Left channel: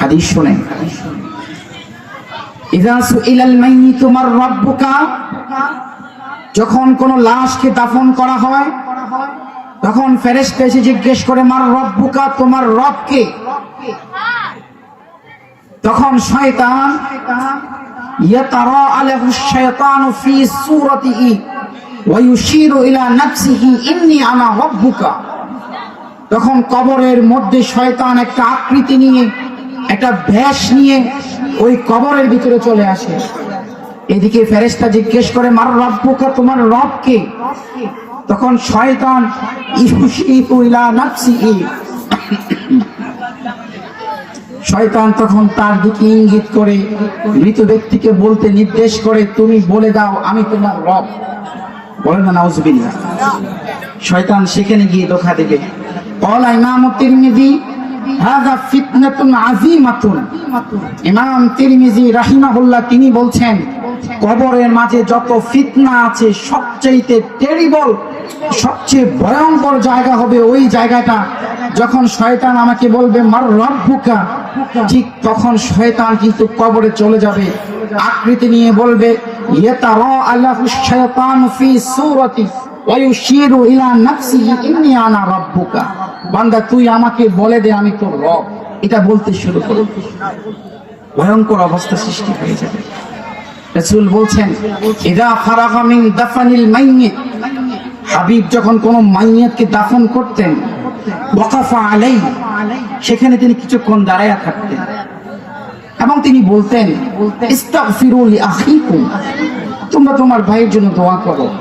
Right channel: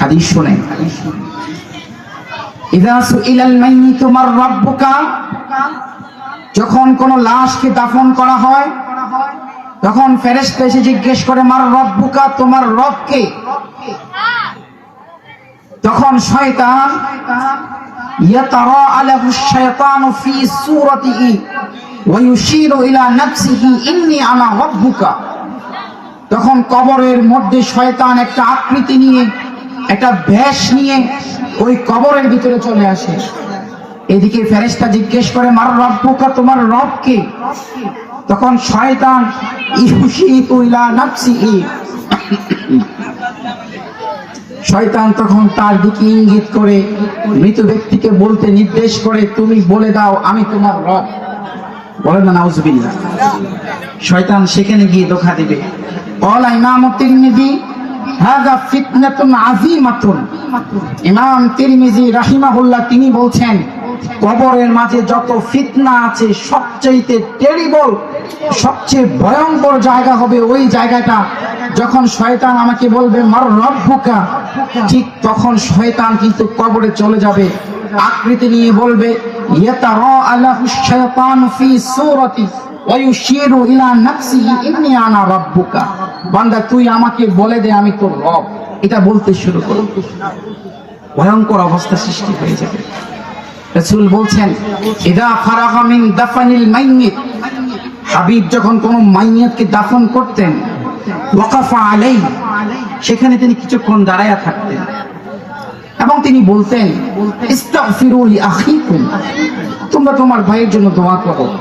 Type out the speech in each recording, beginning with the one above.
হাদিস শুনেন যখন কোন লাশকে দাফন করা হয়, তখন এসে জিজ্ঞেস করে, মার রব্বুকা, তোমার রবকে তখন শয়তান তখন কবরের মধ্যে শয়তান একটা আকৃতি নিয়ে একটা ব্যাস নিয়ে ওই কবরের ভিতরে চলে আসে। এদিকে ফেরেস্তা জিজ্ঞেস করে, মার রব পোকা, তোমার রবকে তখন শয়তান শয়তান তখন তার দিকে ইঙ্গিত করে, মৃত ব্যক্তিকে বলতে নির্দেশ করে, তুমি বলে দাও, আমি তোমার রব। বলে না শয়তান সেখানে গিয়ে দেখা দেবে। অল ইমাম নিবি হাযা ফিতনাতুন আযীমাতুন। ইমাম তিরমিজি রাহিমাহুল্লাহ তিনি বলছেন, কবরের মাঝে যত ফিতনা আছে সবচেয়ে টেরিবল সবচেয়ে ভয়ঙ্কর জায়গা হবে ওই জায়গাটা। যখন শয়তান আমাকে বলবে, মার রব্বুকা, ঠিক তখন শয়তান কিন্তু কবরে চলে যাবে। আকৃতি নিয়ে বলবে ইয়াতারা আল্লাহু শাইতান ফি সূরাতি ওয়া ইউশিরু ইলা নাফসিহি ইন্নী আনা রাব্বুকা। বান্দা, তুই আমাকে বলে দে, আমি তোর রব। এটা বলতে শুরু করে। ভয়ঙ্কর অবস্থা সৃষ্টি হয়ে যাবে। বলছেন, ইদা মিন দাফানিল মাইয়িত। হাবিব যখন মাইয়াতকে দাফন করতেন, ওয়াকাফা আলাই সেখানে তিনি কিছুক্ষণ দাঁড়ায়া থাকতেন। এবং তিনি বলতেন আখিকুম। তোমরা তোমার ভাইয়ের জন্য দোয়া করো।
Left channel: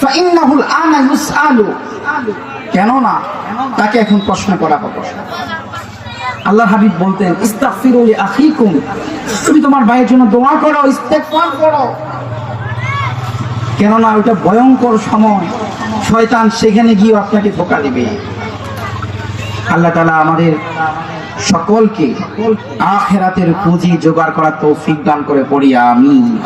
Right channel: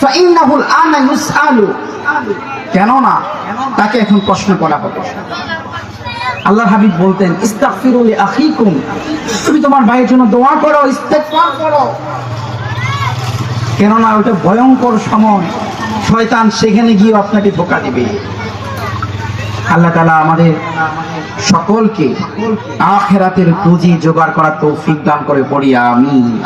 ফাইন্নাহুল আনা ইউসআলু। কেননা তাকে এখন প্রশ্ন করা হবে। আল্লাহ হাবিব বলতেন, ইস্তাগফিরু লি আখিকুম তুমি তোমার ভাইয়ের জন্য দোয়া করো, ইস্তেগফার করো। কেননা ওটা ভয়ঙ্কর সময়। শয়তান সেখানে গিয়ে আপনাকে ধোকা দেবে। আল্লাহ তালা আমাদের সকলকে আখেরাতের পুঁজি জোগাড় করার তৌফিক দান করে পড়ি আমি